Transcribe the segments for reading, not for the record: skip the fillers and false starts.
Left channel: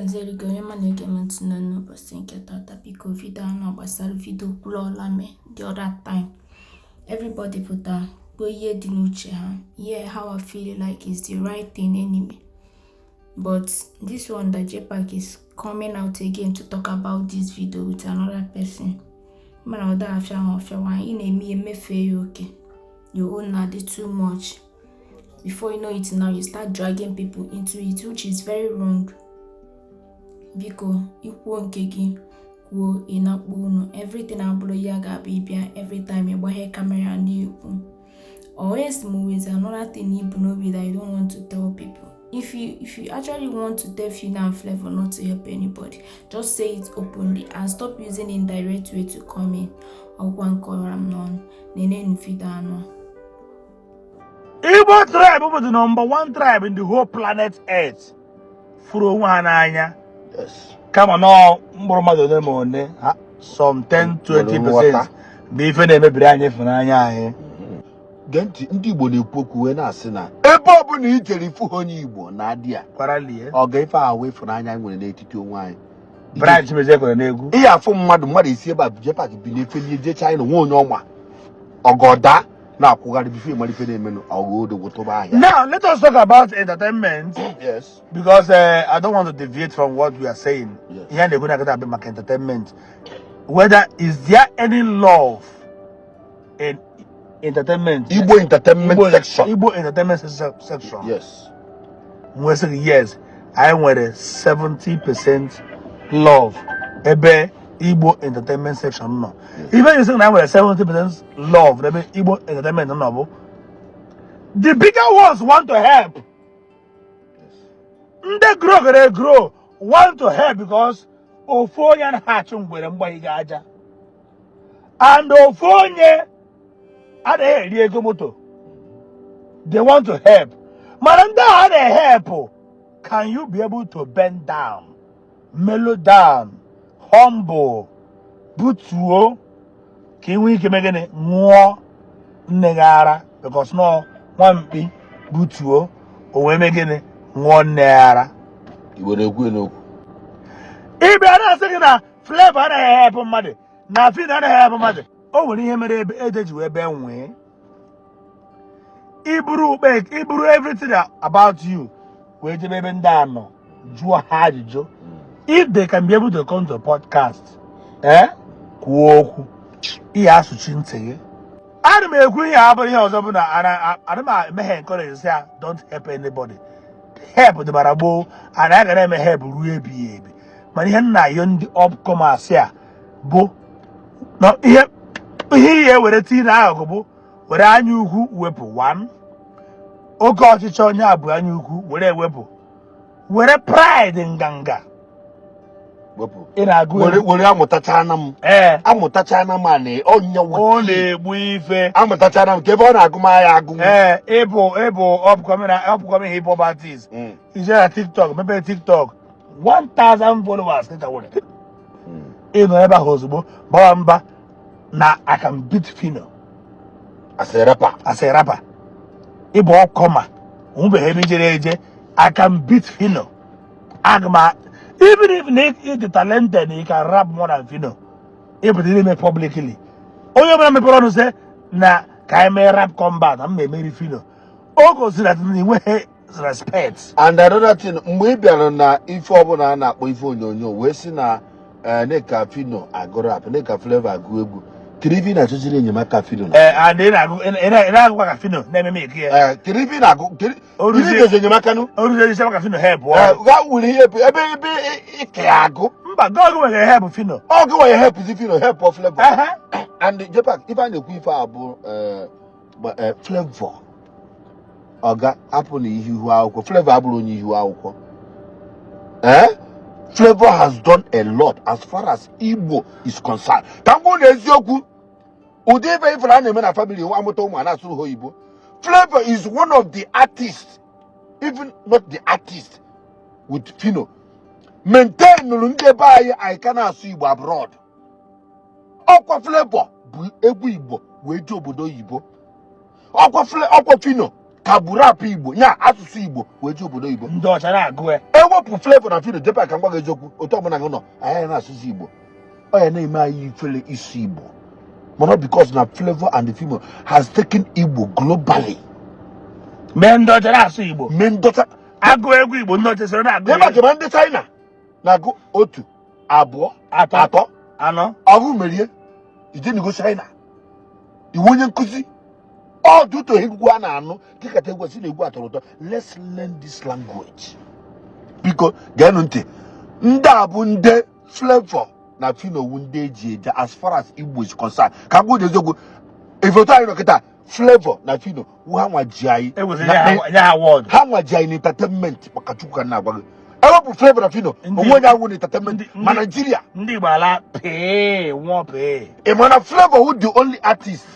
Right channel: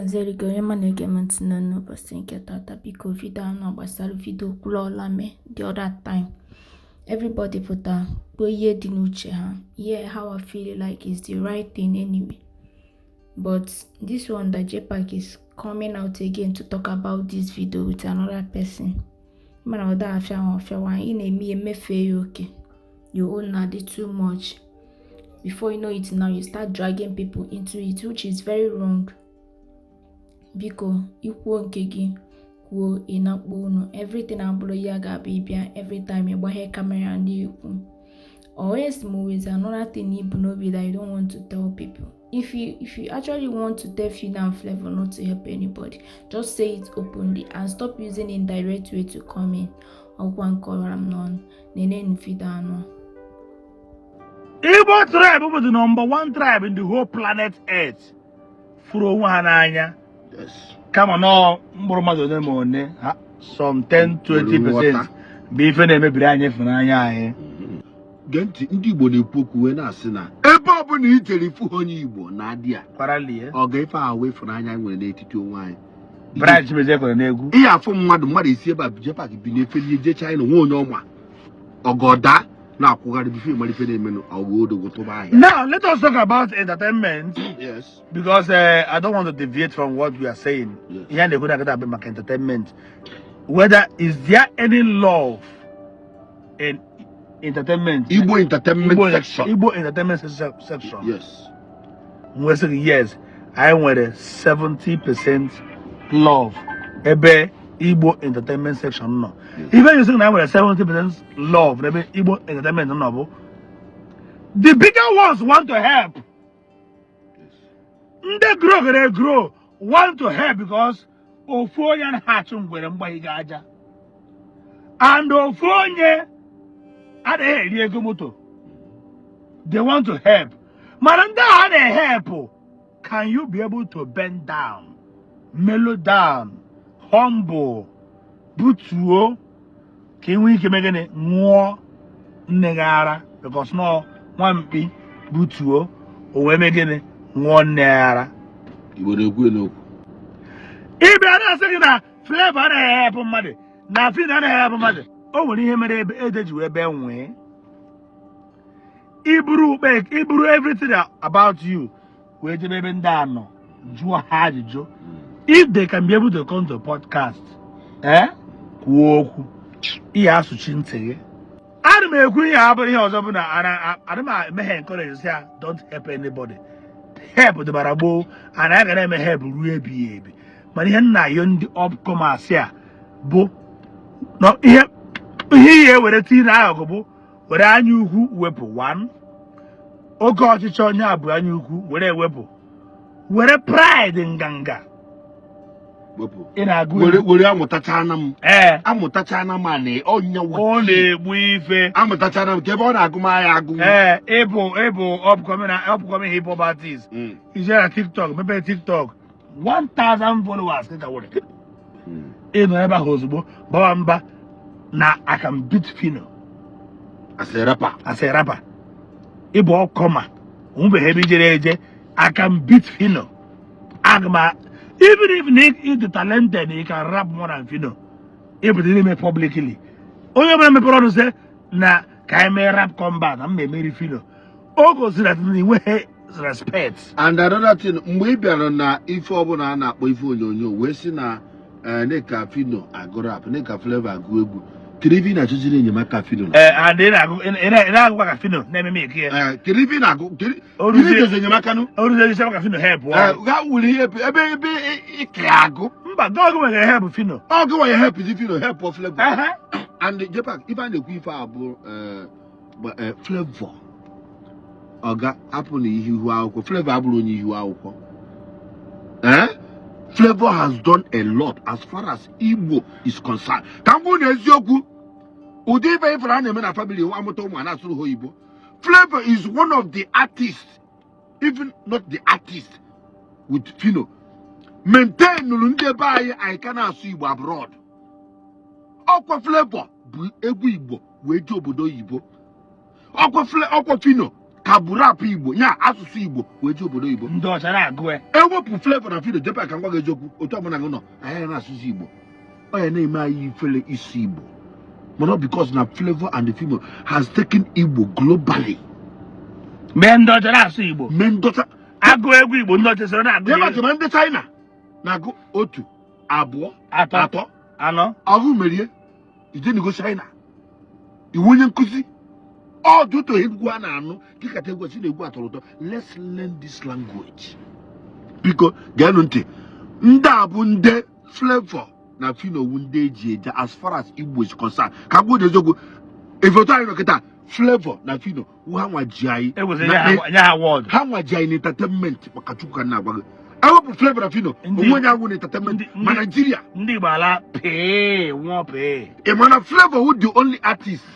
gazeri go onye mana egementị nọ n'ụbọchị nke tata biko vidio anọ gbasara vidio kwuruola me the other time. Everybody pụta kpo ihe dị n'uche ha. Yeah, how I feel like is the right thing anyway. But this one that Jpac is coming out again to talk about this video with another person. Man, other affair in me emefe okay. You own not too much. Before you know it now, you start dragging people into it, which is very wrong. Biko, ikwu nke gị kwuo ịnakpo unu. Everything abụrụ ya ga-abịa every time you gbaghe camera n'ekwu. Always always another thing you know that you don't want to tell people. If you actually want to tell Fina and Flavor not to help anybody, just say it openly and stop using indirect way to come in. Or one color I'm none. Nene Fida no. Igbo tribe was the #1 tribe in the whole planet Earth. Yes. Come on now, some 10-20% beef and a brand for Nanya. Genti ndị Igbo na-ekwu na-asị na ebe ọ bụla ijere ifu onye Igbo na adịa ọ ga-efe ahụ ịfụnanya nwere n'etiti onwe anyị. Branch mezekọ na-egwu ihe afụ mmadụ isi ebe a Jpac bi n'efeli je China nwe onye ọma ọgọda na-akwụgharị bife malife na-emenụ ọgọdogwotoba ahịa. Now let us talk about entertainment. Yes. Because I don't want to deviate from what we are saying. Yes. Here they go about entertainment. Whether is there any love in entertainment? Igbo entertainment section. Igbo entertainment section. Yes. We say yes. I want a 70% love. Ebe Igbo entertainment section no. Even you say I want a 70% love. Ebe Igbo entertainment no. The bigger ones want to help. They grow. Want to help because Ofonye hatching with them by Gaja. And Ofonye they want to help. Madam, they help. Can you be able to bend down, mellow down, humble, butuo? Can we make any more negara? Because no one be butuo or we make any more nera. You would go. If you are not saying that Flavor and I help money, nothing and I have money. Oh, when you hear me, you will be away. Ibru everything about you. Where you may be down, Joe. If they can be able to come to a podcast, he has to change. I don't agree. I don't encourage you. Don't help anybody. Help the barabo, and I can help Ruby. But here now, you're the upcomers here. Bo, no, here with a teen algo, where I knew who weapon one. Oh God, it's on your brand new where a weapon. Where a pride in Ganga. In a good way, I'm with Tatanam. I'm with Tatana money. Only we've I'm with Tatanam. Give on Agumaya. Able, upcoming hip hop artist. Is there a TikTok? Maybe TikTok. 1,000 followers. In whatever husband, Bamba. Now I can beat Fino. As a rapper. Igbo comma. I can beat Fino. Agma. Even if Nick is the talented, he can rap more than Fino. If he didn't make publicly. Only when I pronounce say, na can rap combat and maybe Fino. All goes that way respect. And another thing, maybe I don't know if Obona na boyfriend we see na Neka Fino agora rap, Neka Flavor go. Kirivi na choose ni nyama Fino. And then I go and Fino. Let me make here. Kirivi na go. Kirivi is nyama kanu. Oruze say Fino help. That will help. Ebe Kiago. But God go help Fino. Oh, go help is Fino help of Flavor. And Jpac, if I know about Flavor. Oga happen ihu akwụkwọ Flavor abụrụ onye ihu akwụkwọ. Flavor has done a lot as far as Igbo is concerned. Ka m gwuo n'eziokwu ụdị ebe ifere a na-eme na family nwa amụta ụmụ na-asụ ha Igbo. Flavor is one of the artists, even not the artist with Fino. Maintain nụrụ ndị ebe anyị ka na-asụ Igbo abroad. Ọkwa Flavor bụ egwu Igbo wee ji obodo Igbo. Ọkwa Fino kagburu apụ Igbo nya asụsụ Igbo wee ji obodo Igbo ndị ọcha na-agụ ya ewepụ Flavour na Fido Jpac ka ngwa gị eziokwu otu ọbụla gị nọ anyị na-asụsụ Igbo ọ ya na-eme anyị ifele isi Igbo mana because na Flavour and the Fido has taken Igbo globally mee ndị ọcha na-asụ Igbo mee ndọta agụ egwu Igbo ndị ọcha soro na-agụ ebe akema ndị China na-agụ 1 2 3 4 ọgụ merie ijenigo China iwu onye nkụzi ọ dụtụ egwu a na-anụ dịkata egwu si na egwu atọrọ ụtọ let's learn this language biko geenụ ntị ndị a bụ ndị Flavour na Fido wu ndị eji eje as far as Igbo is concerned ka gbuo eziokwu efoto anyị nọ kịta Flavour na Fido wu ha nwa ji anyị ha nwa ji anyị na entertainment maka Chukwu ka na-agwa gị ewepụ Flavour na Fido onwe onye awụ na entertainment ma Nigeria ndị Igbo ala pee nwụọ pee ị ma na Flavour who the only artist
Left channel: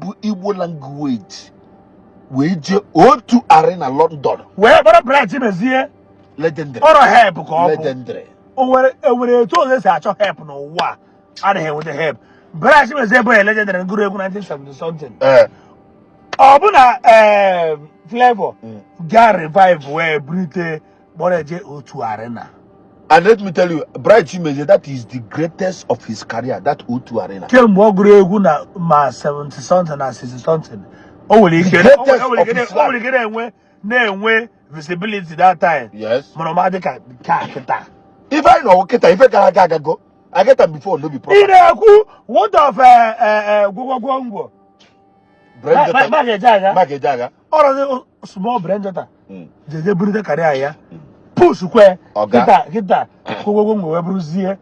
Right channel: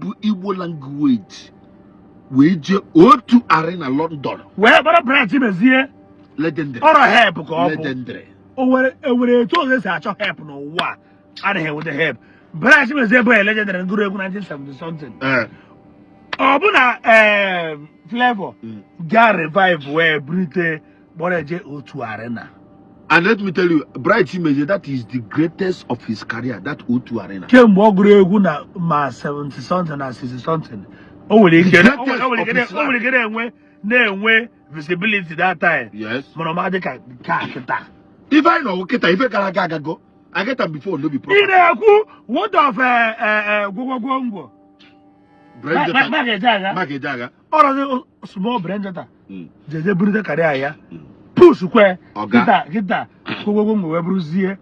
bụ Igbo language wee jee otu arena London wee gbara branch mezie legendary ọrụ help ka ọ bụ legendary o nwere etu ọzọ esi achọ help n'ụwa adịghị enweta help branch mezie bụ legendary ngụrụ egwu 1970 something ọ bụ na Flavour ga revive wee burite gbara eje otu arena. And let me tell you, Bright Chimezie, that is the greatest of his career, that O2 Arena. Kemgbe ọ gụrụ egwu na ma 70 something na 60 something. O nwere ike na-enwe visibility that time. Yes. Mana ọ dị ka kịta. If I know Kita, if I gara aga go, I get them before no be problem. Ị na-ekwu what of gwogwogwo. Mark Ejaga. Ọrụ small Brenda. Jeje burite karịa ya. Push kwe kita gwogwogwo wee bụrụzie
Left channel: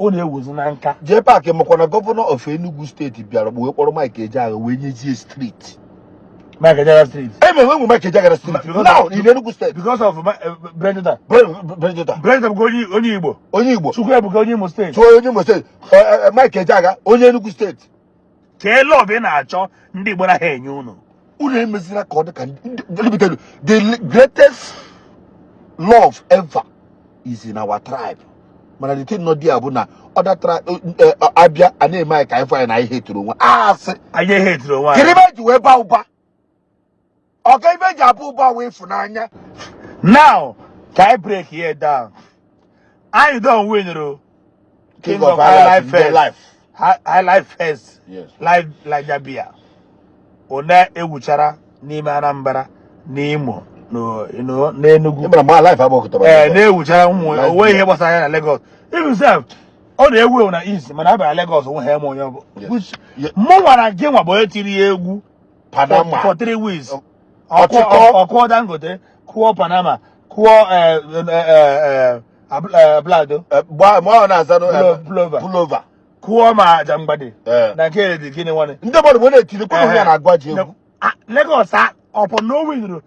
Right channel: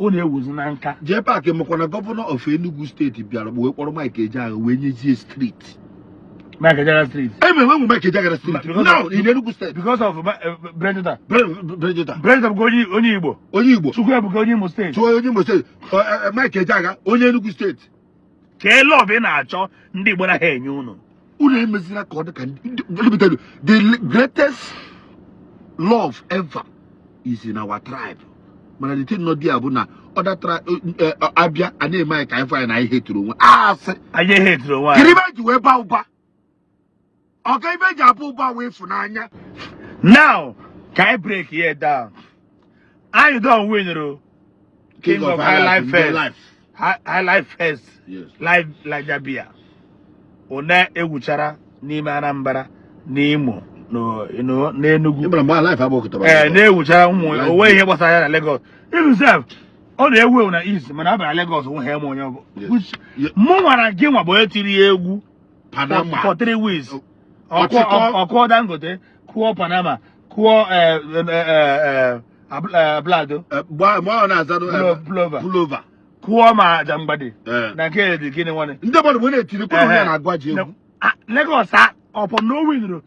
ọ na-ewuzi na nka. Jpac makwana governor of Enugu State bịara wee kpọrọ Mike Ejaga wee nyezie street. Mike Ejaga street. When Mike Ejaga street now in Enugu State because of Brenda. Brenda bụ onye Igbo. Onye Igbo. Chukwu bụ onye Imo State. Onye Imo State. Mike Ejaga onye Enugu State. Kee love ị na-achọ ndị Igbo na ha enye unu. Unu emezira ka ọ dị ka let me tell you the greatest love ever is in our tribe. Mana the thing not there bụ na other tribe abịa a na-eme anyị ka anyị fanya na anyị hetụrụ nwa asị anyị hetụrụ nwa kiri ibe ji wee ba ụba ọka ibe ji abụ ụba wee fụnanya. Now ka anyị break here down anyị don win King of life first yes live Lajabia one ewuchara n'ime Anambra n'Imo n'Enugu na-ewuchara ụmụ onwe ihe gbasara ya na Lagos himself ọ na-ewu na East mana ọ bịara Lagos nwe ha onye bụ mụ nwara gị nwa bụ etiri ya egwu Panama for 3 weeks ọkụọ Dangote kụọ Panama kụọ Blado Pullover kụọ ma Jangbade na nke dị gịnị nwanne ndị mmadụ bụ na-etiri kwuru ya na-agwa ji egwu Lagos ọpọ na o winuru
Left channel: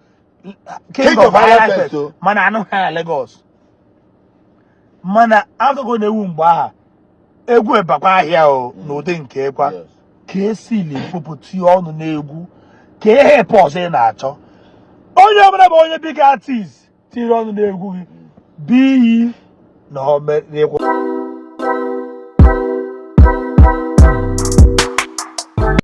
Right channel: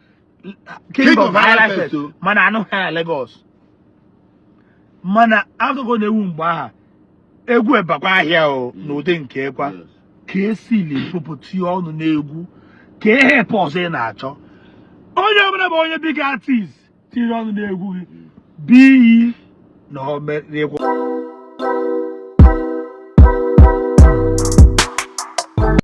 King of Life mana anụ ha Lagos mana akụkọ na-ewu mgbe aha egwu ebakwa ahịa o n'ụdị nke kwa ka esili pụpụti ọnụ n'egwu ka ihe pọs ị na-achọ onye ọbụla bụ onye big artist tiri ọnụ n'egwu gị bụ iyi na ọ